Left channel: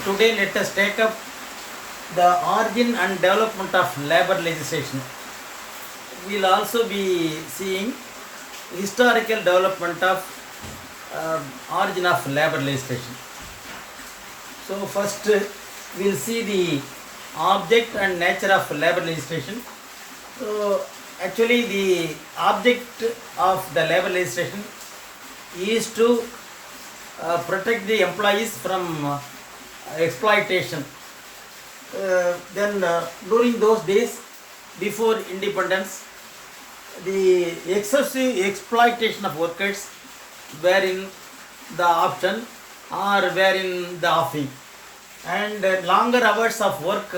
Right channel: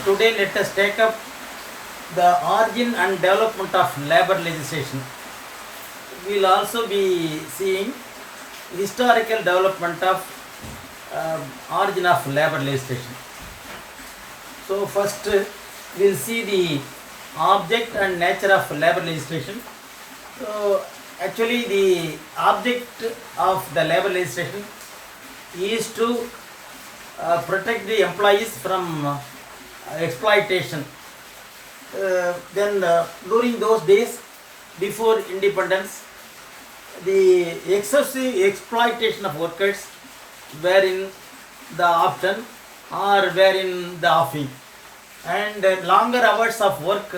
Today let us take up the origin and development of labor legislation. We will also be seeing historical development of origin of labor legislation. So first we will see the object and nature of labor legislation. So actually the object of the labor legislation is to protect the employees from exploitation. Then during those days before independence, the excessive exploitation of workers were in the option or were in the offing, and longer hours of work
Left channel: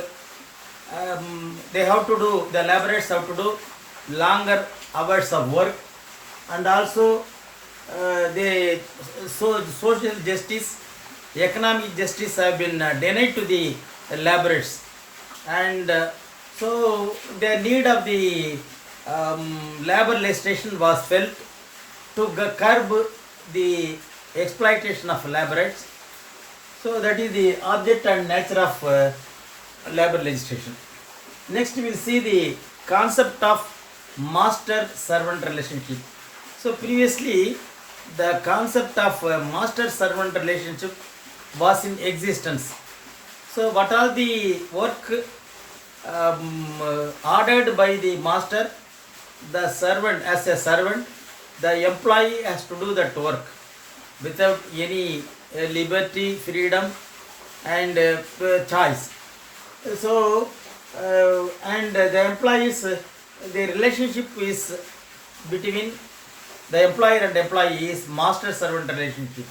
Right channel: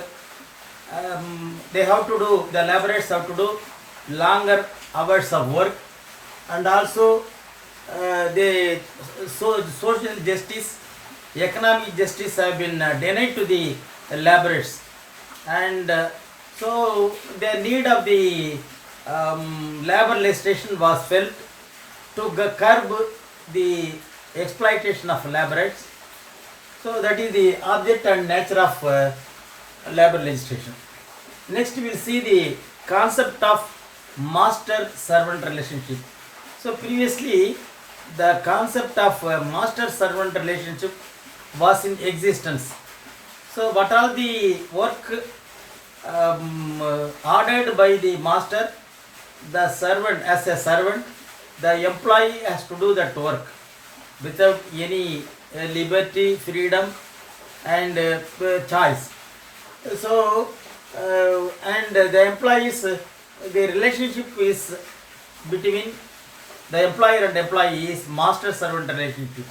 they have to do, the laborers have to do longer hours of work, and also social justice, economic justice have been denied to the laborers, and so the need of the labor legislation was felt to curb the exploitation of laborers. So that is the object and nature of labor legislation. Next we will see the concept of master-servant relationship. So previously the concept of master-servant relationship was in existence. So what are the work ordered by the master, the servant as a servant, the employee has to do that work without any liberty, freedom and choice. So and the employees, the relationship is between the employer and employee is master-servant relationship.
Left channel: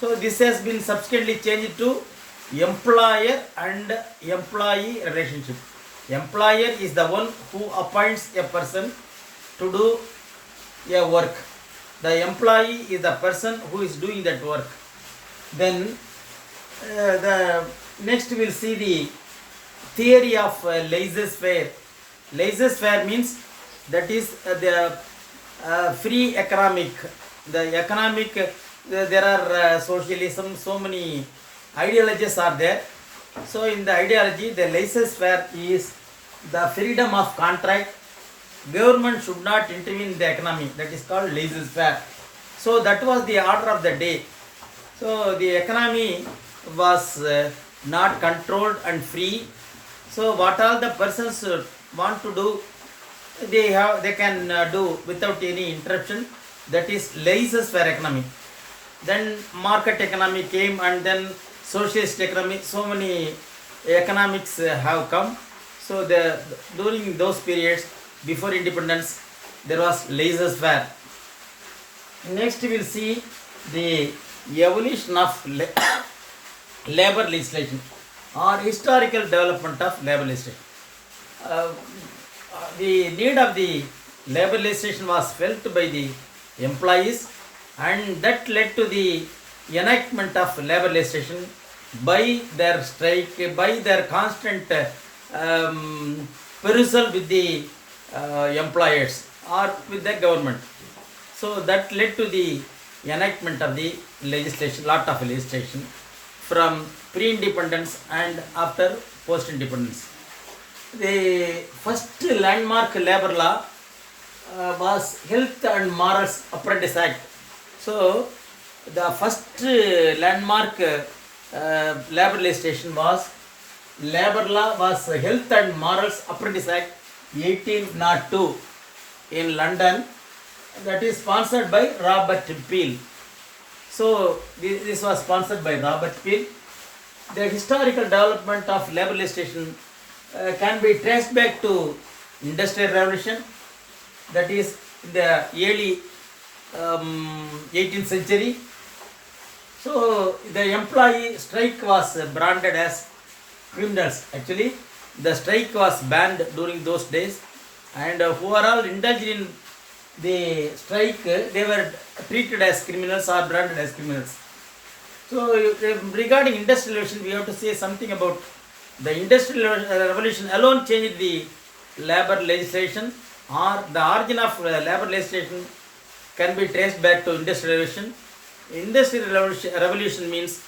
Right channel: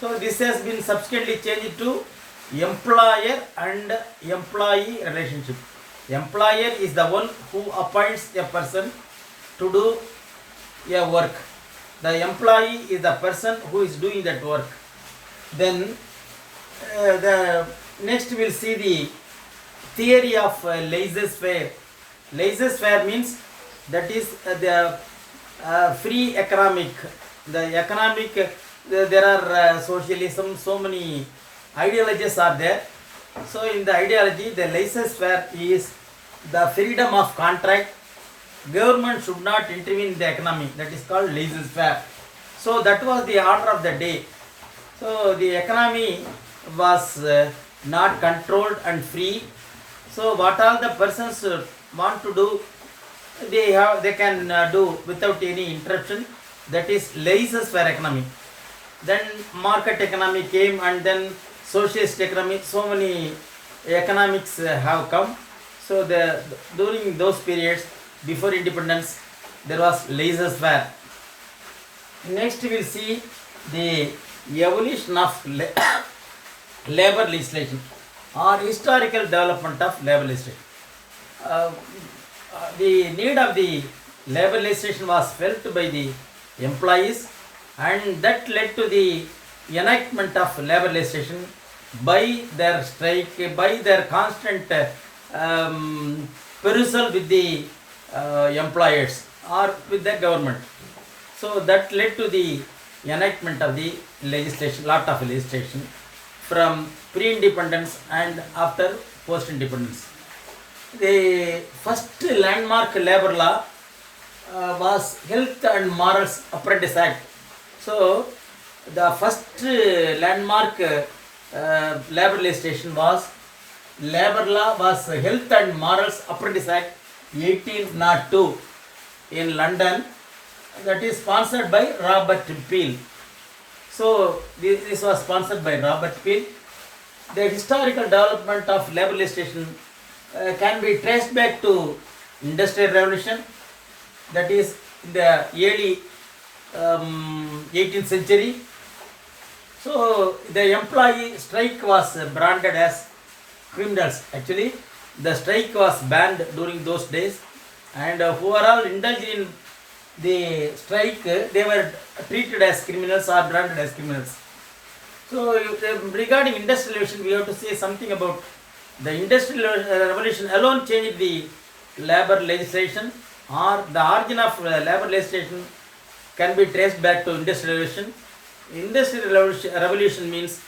So this has been subsequently changed to employer and employee relationship. Employer is the one who appoints a person to do a work. The employee is the person who is doing that work. Then the next we will see the theory of laissez-faire. Laissez-faire means that is the free economic. The economic, there are socialism, so many ideologies are there. So in the ideology, the laissez-faire is the freedom of contract. Government should not intervene in the economy. That is called laissez-faire. So that was the order of the day. So the economy was not controlled and free. So what all the persons want to do, they can do without any interruption. That is laissez-faire economy. Then market economy came, and then socialist economy. So many economics have come. So during those periods before independence, there was laissez-faire. Next we will see the evolution of labor legislation or historical development of labor legislation. The need of the labor legislation was felt by the employees, and that led to the enactment of labor legislation by their strike, by their constant perusal with the employers or with the government. So that led to the enactment of the legislation, lot of legislation from pre-independence and after post-independence. The first landmark labor law was Health and Morals Apprentice Act. So the first landmark labor legislation was labor law was Health and Morals Apprentice Act 1802 in London. That is sponsored by Robert Peel. So this was sponsored by Robert Peel. The historical development of labor legislation can be traced back to Industrial Revolution. That is in the early 18th century. So the employee strike was branded as criminals. Actually, the strike was banned during those days, and who are all indulged in the strike, they were treated as criminals or branded as criminals. So regarding industrial revolution, we have to say something about the industrial revolution alone changed the labor legislation, or the origin of labor legislation can be traced back to industrial revolution. Industrial revolution means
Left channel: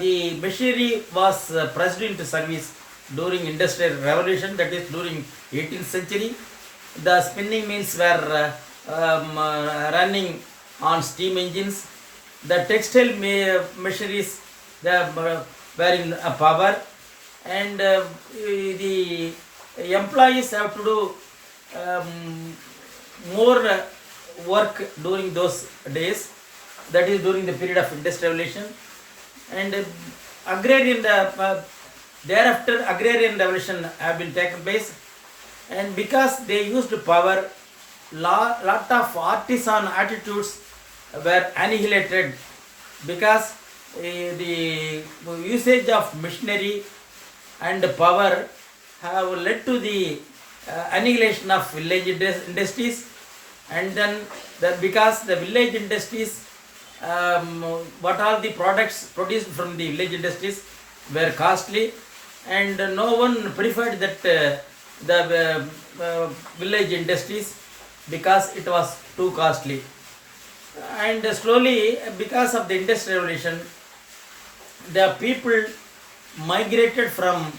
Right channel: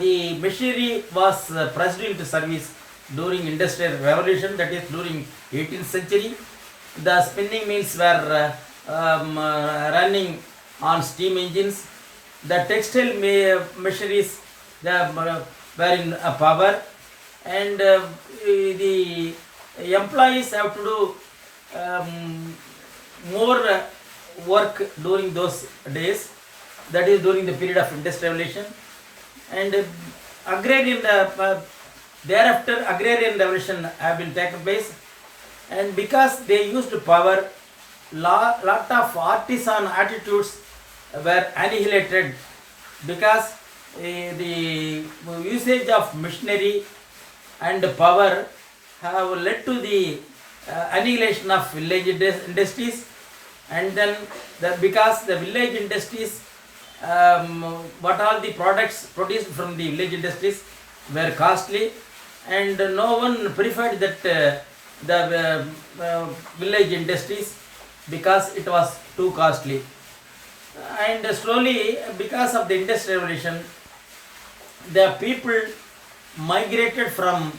the machinery was pressed into service during industrial revolution, that is during 18th century. The spinning mills were running on steam engines. The textile machineries were in power, and the employees have to do more work during those days, that is during the period of industrialization. And agrarian thereafter agrarian revolution have been taken place, and because they used power, lot of artisan attitudes were annihilated, because the usage of machinery and power have led to the annihilation of village industries. And then because the village industries, what are the products produced from the village industries were costly, and no one preferred that the village industries, because it was too costly. And slowly, because of the industrial revolution, the people migrated from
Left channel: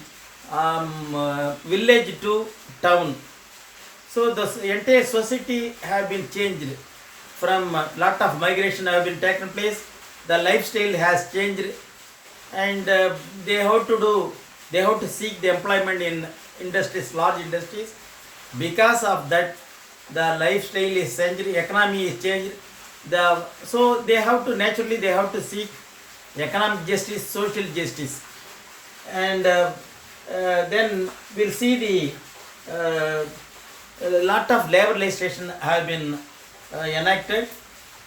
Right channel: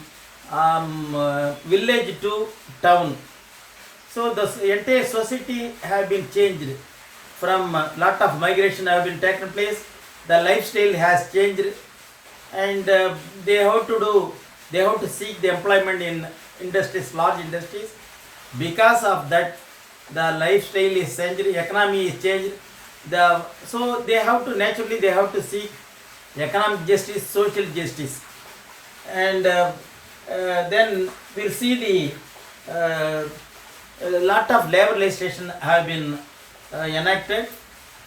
village to town. So the entire society have been changed. From lot of migration have been taken place. The lifestyle has changed, and they have to do. They have to seek the employment in industries, large industries. Because of that, the lifestyle is changed, economy is changed. So they have to naturally they have to seek economic justice, social justice, and then we'll see a lot of labor legislation have been enacted.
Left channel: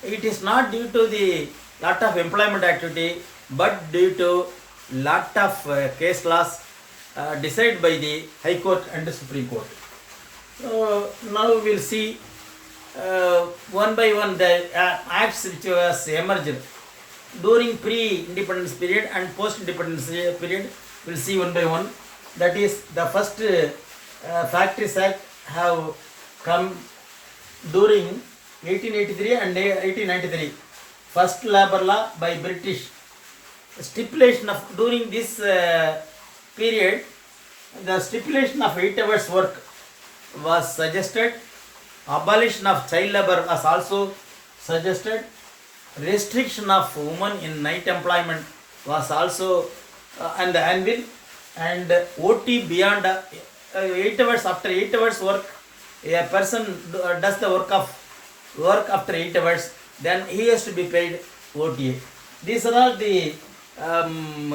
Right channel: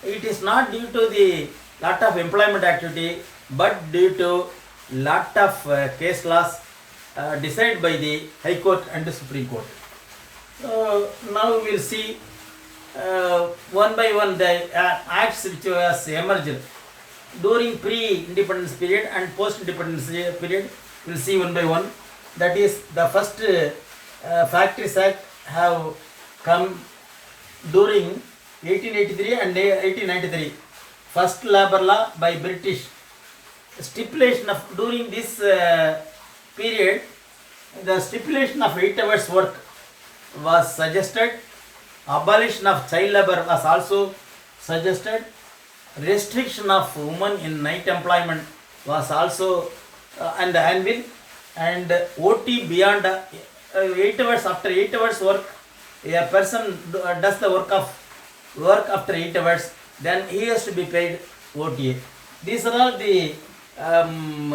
It is not due to the lot of employment activity, but due to lot of case laws decided by the High Court and the Supreme Court. So now we will see one by one the acts which was emerged during pre-independence period and post-independence period. We will see one by one. That is, the first Factories Act have come during 1883 and 1893. First labor law by British. Stipulation of during this period, the stipulation of 8 hours work was suggested. Abolition of child labor was also suggested. Restriction of women in night employment was also on the anvil. And OT beyond 8 hours, after 8 hours work, a person does the work after 8 hours, then he has to be paid OTA. These are all the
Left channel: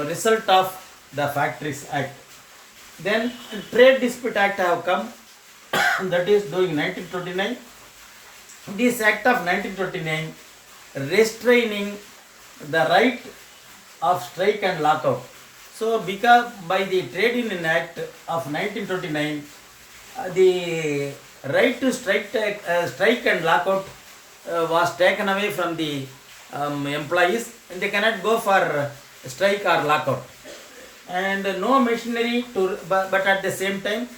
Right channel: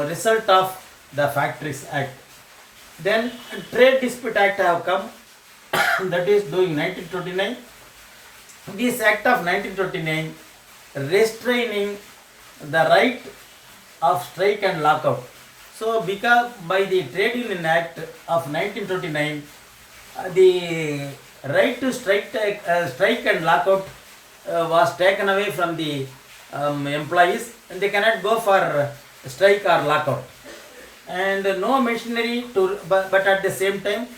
result of the Factories Act. Then Trade Dispute Act have come, that is during 1929. This Act of 1929 restraining the right of strike and lockout. So because by the Trade Union Act of 1929, the right to strike and lockout was taken away from the employees, and they cannot go for strike or lockout. And no machinery but at the same time,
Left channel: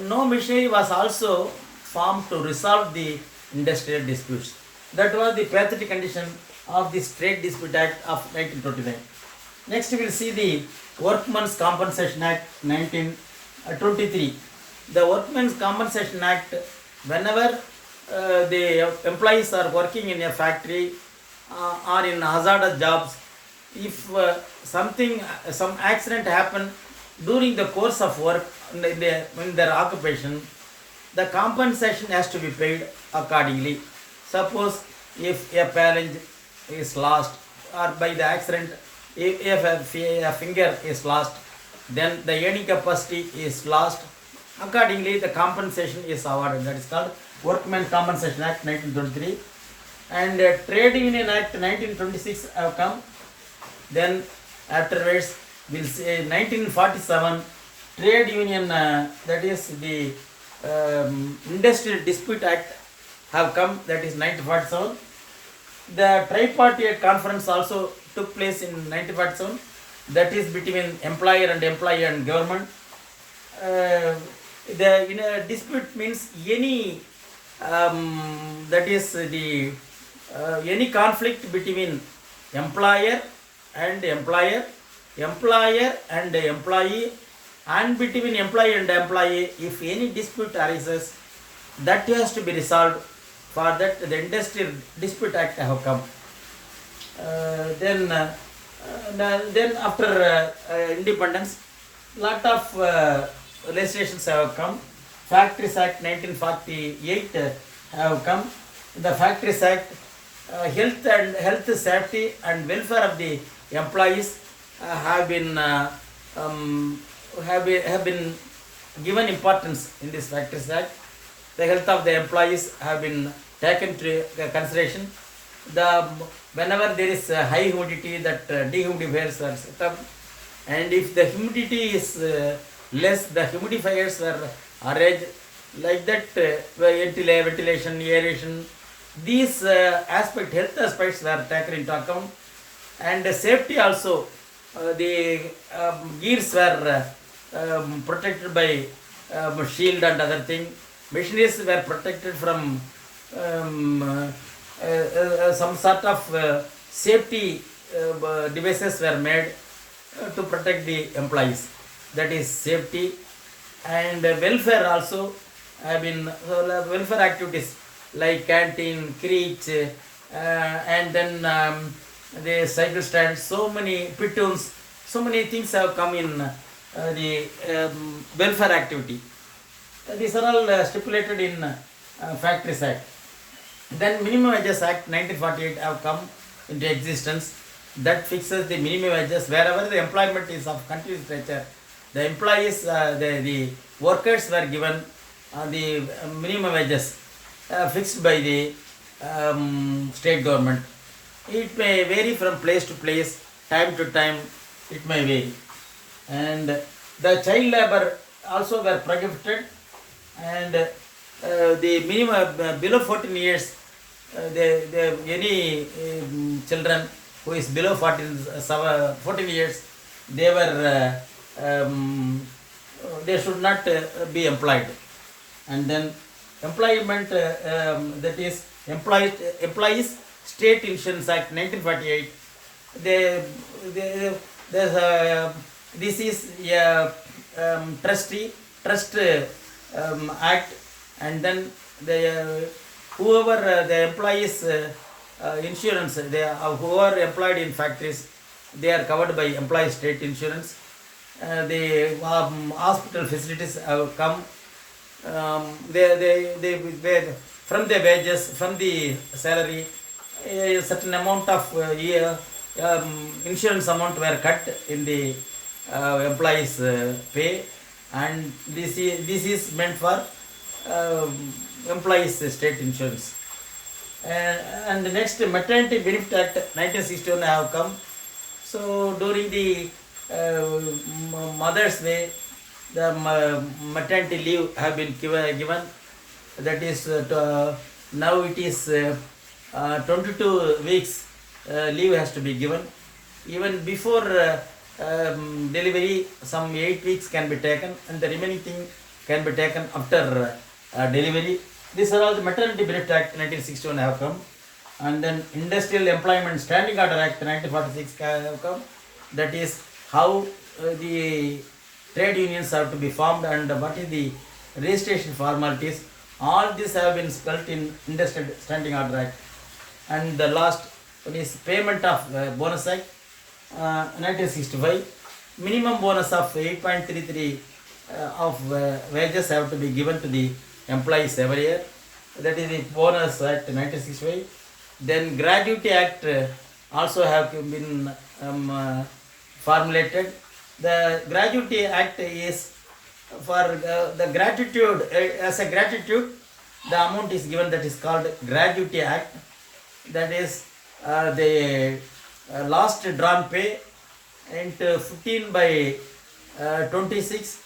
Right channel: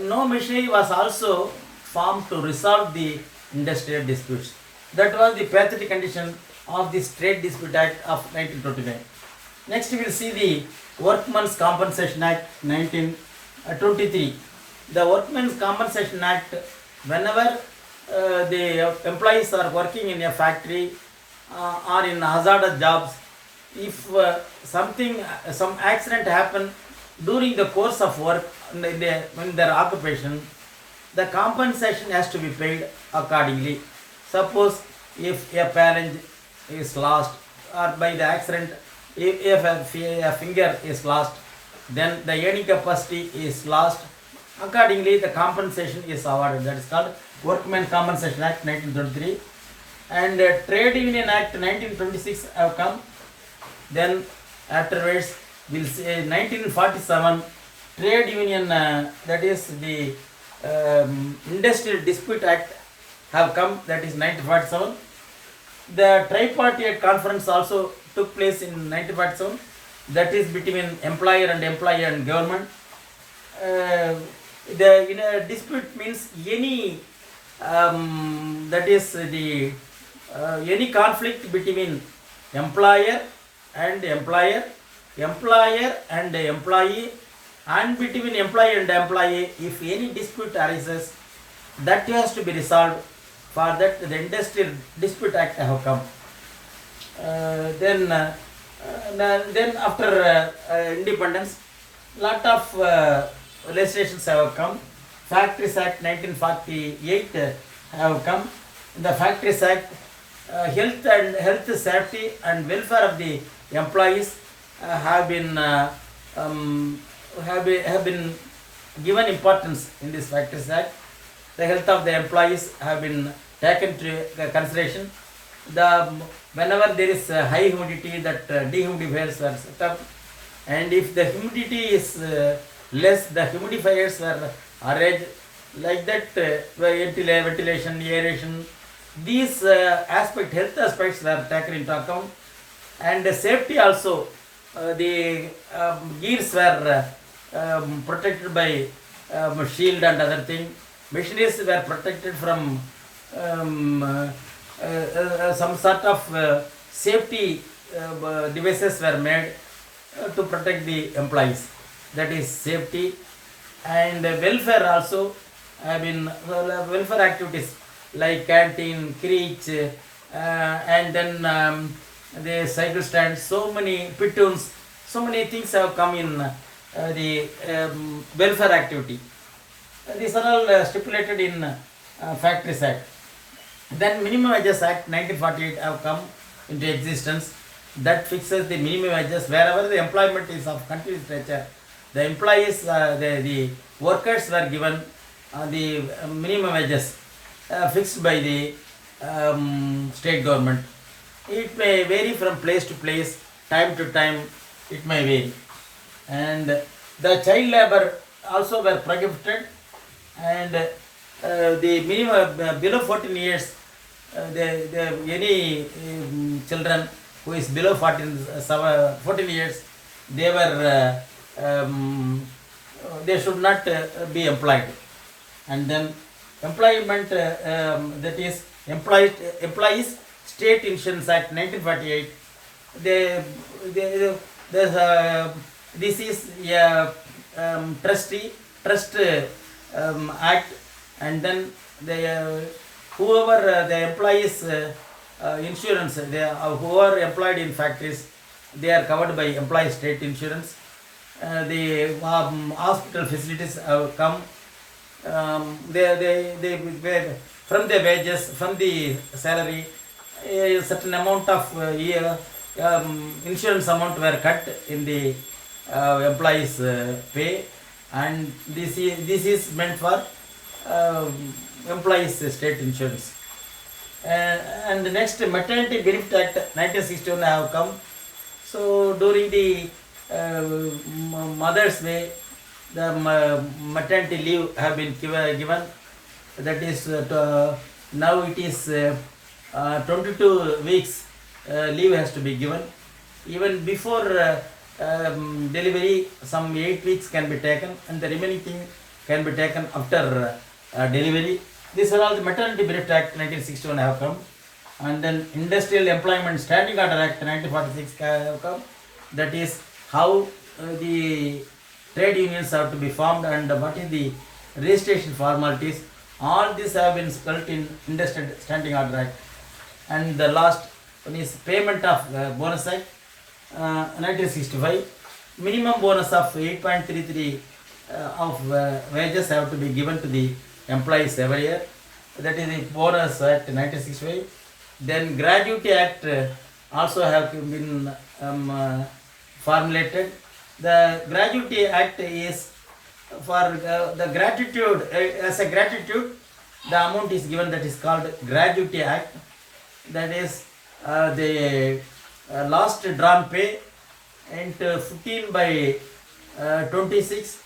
no machinery was also formed to resolve the industrial disputes. That was the pathetic condition of this Trade Dispute Act of 1929. Next we will see the Workmen's Compensation Act 1923. The Workmen's Compensation Act, whenever the employees are working in a factory or in hazardous jobs, if some accident happen during the course of work in their occupation, the compensation has to be paid accordingly. Suppose if a phalange is lost, or by the accident if a finger is lost, then the earning capacity is lost. Accordingly, the compensation is awarded. That is called Workmen's Compensation Act 1923. And Trade Union Act 1926 have come. Then afterwards, we'll say 1947 Trade Union, that is the Industrial Dispute Act have come, that is 1947. The Tripartite Conference also took place in 1947, that is between employer and employee and government. The dispute means any that is the any conflict between employer and employer, employer and employee, and between employee and employee, if any dispute arises, that has to be resolved. For that, the Industrial Dispute Act have come. Then after independence, lot of legislations have come. Factories Act 1948 have come. The Factories Act, health safety and welfare of the employees have been given importance in this Factories Act. The health of the employees have been taken to consideration. Whenever there is high humidity, that dehumidifiers are set up, and if the humidity is less, the humidifiers are arranged like that. Ventilation, aeration, these health aspects were taken into account, and safety also. The gears were protected by shield and other thing. Machineries were protected from some sort of safety devices were made to protect the employees. That is safety. And welfare also. Welfare activities like canteen, creche, and then the cycle stand, so many platoons, so many things have come in the welfare activity. These are all stipulated in Factories Act. Then Minimum Wages Act 1948 have come into existence. That fixes the minimum wages wherever the employment is of continuous nature. The employees, the workers were given the minimum wages fixed by the state government. It may vary from place to place, time to time, it may vary. And the child labor also were prohibited, and the minimum below 14 years, any children who is below 14 years, they should not be employed. And then employment, that is Employees State Insurance Act 1948. This is a trust act, and then whoever the employees insurance, who are employed in factories, they are covered by employee state insurance. The hospital facilities have come. They from the wages, from the salary, a certain amount of insurance amount were cut in the employees' pay, and this is meant for employees' state insurance. And the next, Maternity Benefit Act 1961 have come. So during the Mother's Day, the maternity leave have been given. That is now it is 22 weeks leave has to be given. Even before delivery, some 8 weeks can be taken, and the remaining thing can be taken after delivery. These are all the Maternity Benefit Act 1961 have come. And then Industrial Employment Standing Order Act 1946 have come. That is how the trade unions have to be formed and what is the registration formalities. All these have been spelled in Industrial Standing Order Act. And the last one is Payment of Bonus Act 1965. Minimum bonus of 8.33 of wages have to be given to the employees every year. That is the Bonus Act 1965. Then Gratuity Act also have been formulated. The Gratuity Act is for the gratitude, as a gratitude, the amount is given, that is called Gratuity Act. That is the last drawn pay into 15 by 26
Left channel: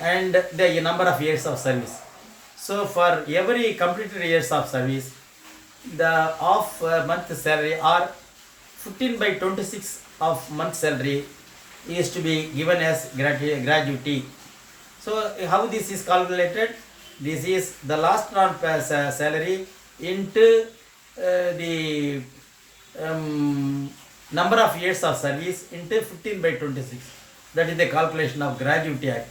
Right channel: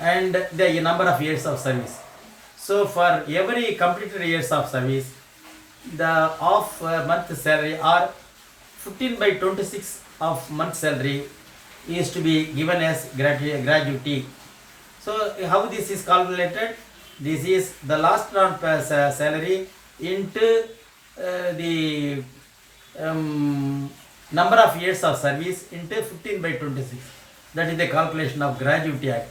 and the number of years of service. So for every completed years of service, the off month salary or 15 by 26 of month salary is to be given as gratuity. So how this is calculated? This is the last round salary into the number of years of service into 15 by 26. That is the calculation of Gratuity Act.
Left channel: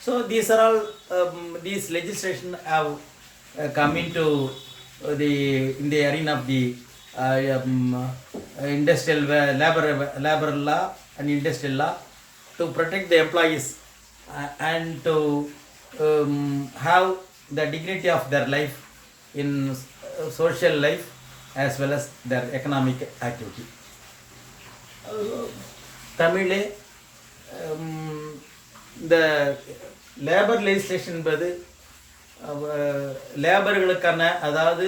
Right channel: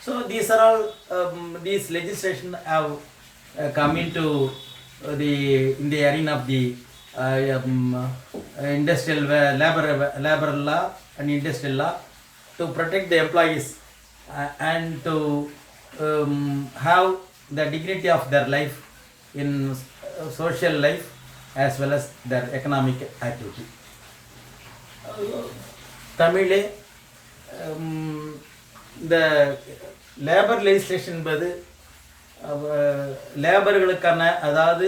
So these are all these legislation have come into in the arena of the industrial labor law and industrial law to protect the employees and to have the dignity of their life in social life as well as their economic activity. தமிழே இந்த labour legislation என்பது லேபர்களுக்கான, அதாவது